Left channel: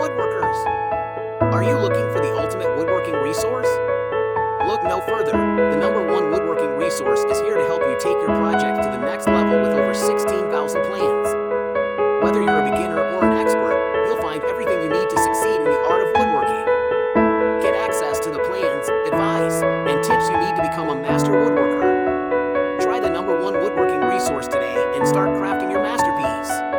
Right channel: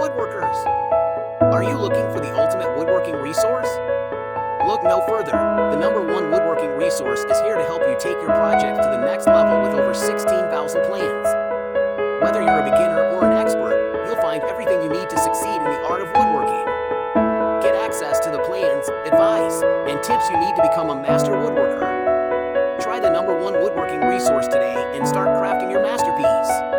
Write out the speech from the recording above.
woodworkers. Are you looking for the ultimate woodworking resource? Look no further. The #1 woodworking resource is here to help you take your project to the next level with over 16,000 plans. Whether you're a beginner or an expert, you'll find everything you need to succeed in the art of woodworking. Get access to the plans, advice, and tips you need to become a master woodworker. Try the #1 woodworking resource today and start crafting your masterpiece.